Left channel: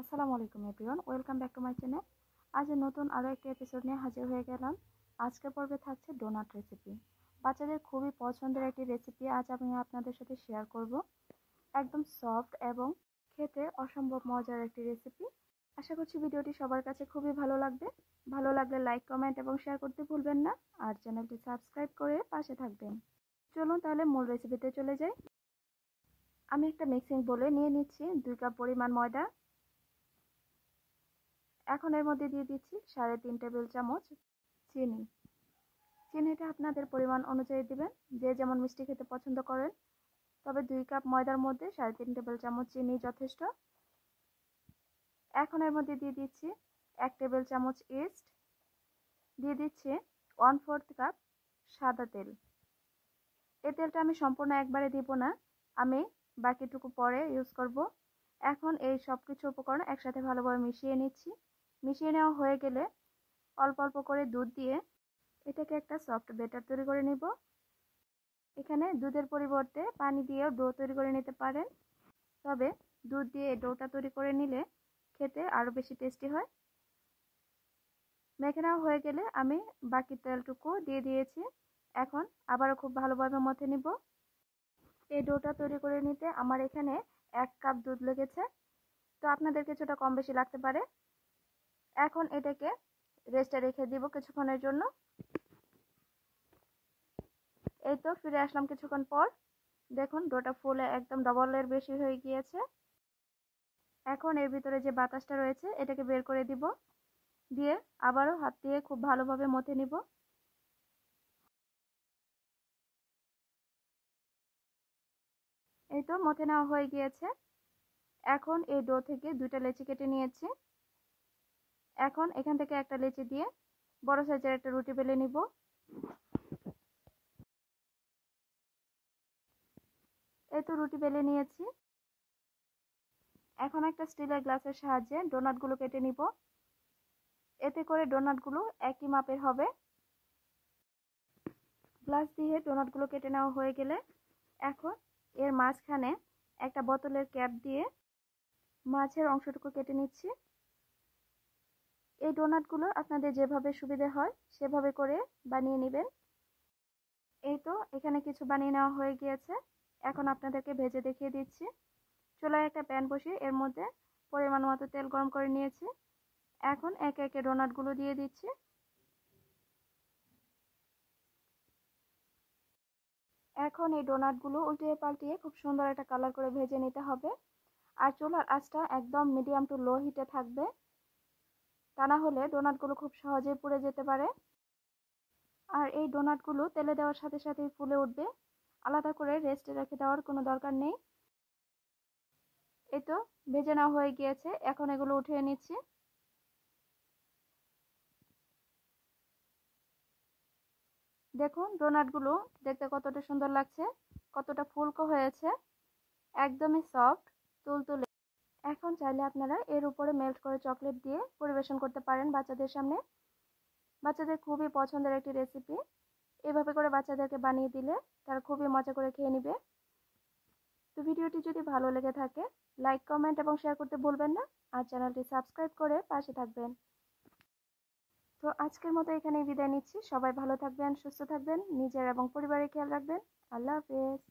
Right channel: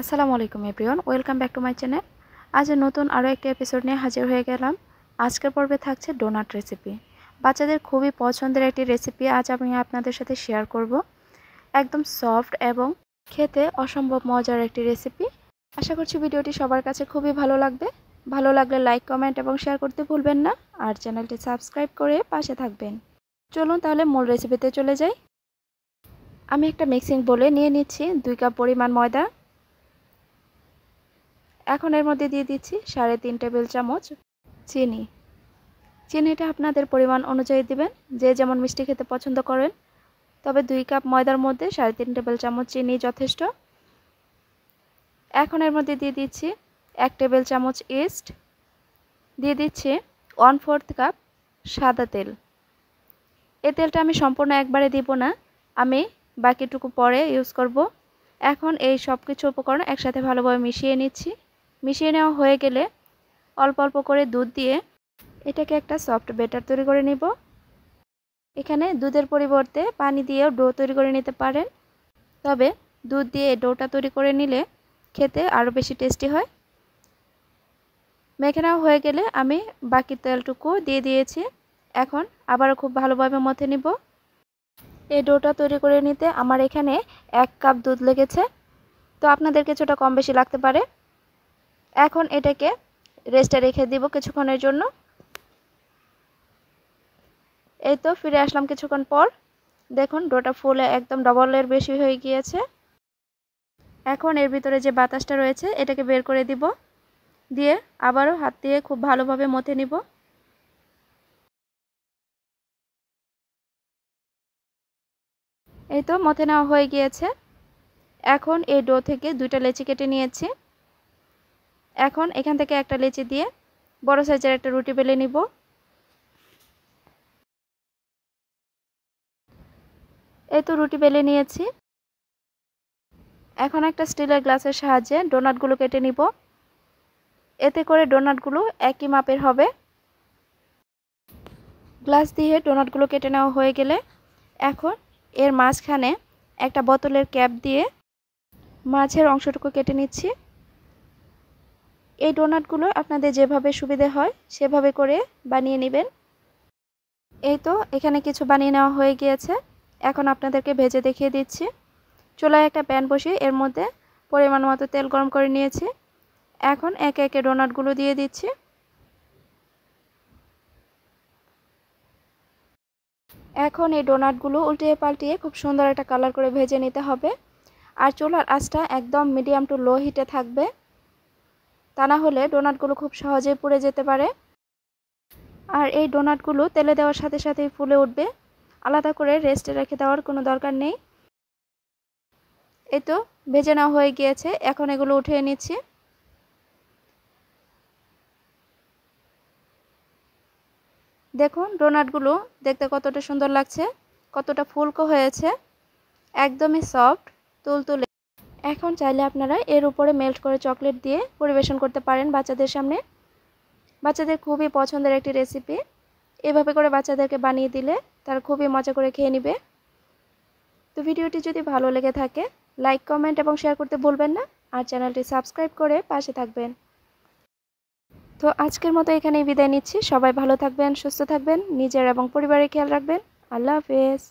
আসসালামু আলাইকুম everyone, welcome back to my channel. আজ নতুন আরও একটা এপিসোড নিয়ে হাজির হয়ে গেলাম। আজকের পর্বে থাকছে ডোনাট রেসিপি। বাচ্চাদের খুবই পছন্দের একটি রেসিপি আজ আমি আপনাদের সাথে শেয়ার করব। একদম সফট এবং খেতে অসম্ভব মজার একটি রেসিপি। আশা করছি ভিডিওটি সবার কাছে খুবই ভালো লাগবে। ভালো লাগলে লাইক, কমেন্ট এবং শেয়ার করতে ভুলবেন না, আর চ্যানেলটি সাবস্ক্রাইব করে পাশে থাকবেন। চলুন তাহলে মূল রেসিপিতে চলে যাই। আমি একটা মিক্সিং বোলে নিয়ে নিচ্ছি 2 কাপ পরিমাণ ময়দা। এখন এর মধ্যে দিয়ে দিচ্ছি 3.5 টেবিল চামচ চিনি। চিনিটা আপনাদের পরিমাণ অনুযায়ী দিবেন, যে যেমন মিষ্টি খেতে পছন্দ করেন। তবে 2 কাপ ময়দার মধ্যে 3.5 টেবিল চামচ চিনি যথেষ্ট। এখন এর মধ্যে দিয়ে দিচ্ছি 1 টেবিল চামচ ইস্ট, দিয়ে দিচ্ছি 1/4 কাপ সাদা তেল। এই তেলটা আমি সম্পূর্ণ একবারে দিব না, আমি বাকিটুকু পরে ইউজ করব। এখন এই সব কিছু উপকরণ একসাথে ভালোভাবে মিশিয়ে নিচ্ছি। মিশিয়ে নেওয়া হয়ে গেলে অল্প অল্প করে দুধ দিয়ে এটাকে একটা সফট ব্যাটার তৈরি করে নিব। এখানে দুধের পরিবর্তে পানি দিয়েও ডো তৈরি করে নিতে পারেন, তবে দুধ দিয়ে ডোটা তৈরি করে নিলে খেতে আরও বেশি টেস্টি হয়। মেখে নেওয়া হয়ে গেলে আমি বাকি তেলটুকু দিয়ে দিয়েছি। এখন আবারও খুব ভালোভাবে মথে নিব। এই ডোটা তৈরি করে নিতে আমার এখানে 1 কাপ দুধ লেগেছে, তো আপনাদের কিছুটা কম বেশি লাগতে পারে। এখন এটাকে রেস্টে রেখে দিব কিছুক্ষণের জন্য। এই তো ফিরে আসলাম কিছুক্ষণ পর। দেখুন ডোটা ফুলে একদম ডবলের বেশি হয়ে গিয়েছে। এখন এর ভিতরে যে বাতাসটা রয়েছে এটাকে বের করে দিব, দিয়ে আবারও হাত দিয়ে খুব ভালোভাবে মথে নিব। এই তো মথে নেওয়া হয়ে গিয়েছে। এখন এই ডো থেকে 2টা লেচি কেটে নিয়েছি। এখন এখান থেকে একটা লেচি দিয়ে বড় সাইজের একটা রুটি বেলে নিব। এই তো রুটি বেলে নিয়েছি। এখন একটা স্টিলের গ্লাসের সাহায্যে ডোনাটগুলো কেটে নিব। এতে করে ডোনাটগুলো একই মাপের হবে। গ্লাস দিয়ে ডোনাটগুলো কেটে নেওয়া হয়ে গেলে এখন এর মাঝখানে একটা বোতলের ক্যাপ দিয়ে মাঝের অংশটুকু কেটে নিচ্ছি। এই ডোনাটগুলো আপনাদের যেভাবে সুবিধে হয় সেভাবে করে বানিয়ে নেবেন। এই তো এখানে কিছু বানিয়ে নেওয়া হয়ে গিয়েছে। এখন আপনাদেরকে ভেজে দেখিয়ে দিচ্ছি। চুলায় একটা প্যান বসিয়ে এর মধ্যে পরিমাণ মতো তেল গরম করে নিয়েছি। এখন একে একে ডোনাটগুলো দিয়ে দিচ্ছি। এখন এই ডোনাটগুলো উল্টিয়ে পাল্টিয়ে খুব সুন্দর একটা কালার করে ভেজে নিতে হবে। আর চুলার আঁচটা একদম মিডিয়াম টু লো হিটে থাকবে, তা না হলে ডোনাটগুলো খুব সহজেই পুড়ে যেতে পারে। আর এই ডোনাটগুলো তেলে দেওয়ার সাথে সাথেই ফুলে উঠবে, আলাদা করে রেস্টে রেখে দেওয়ার কোনো দরকার নেই। এই তো ভেজে নেওয়া হয়ে গিয়েছে, এখন এগুলো উঠিয়ে নিচ্ছি। দেখুন ডোনাটগুলো দেখতে কতটা সুন্দর লাগছে, কতটা ফুলকো হয়েছে, একদমই সফট তুলতুলে। এখন চাইলে আপনারা এর উপরে মেল্ট করে চকলেট দিয়ে পরিবেশন করতে পারেন বাচ্চাদের সামনে। বাচ্চাদের খুবই পছন্দের একটি রেসিপি। এভাবে করে বাচ্চাদেরকে বানিয়ে দিলে তারা খুবই মজা করে খেয়ে নেবে। তো ভিডিওটি যদি ভালো লেগে থাকে লাইক, কমেন্ট এবং শেয়ার করতে ভুলবেন না, আর চ্যানেলটি সাবস্ক্রাইব করে পাশে থাকবেন। তো আজকের মতো এখানেই বিদায় নিচ্ছি। সবাই ভালো থাকবেন, সুস্থ থাকবেন, নিজের এবং পরিবারের খেয়াল রাখবেন। আল্লাহ হাফেজ।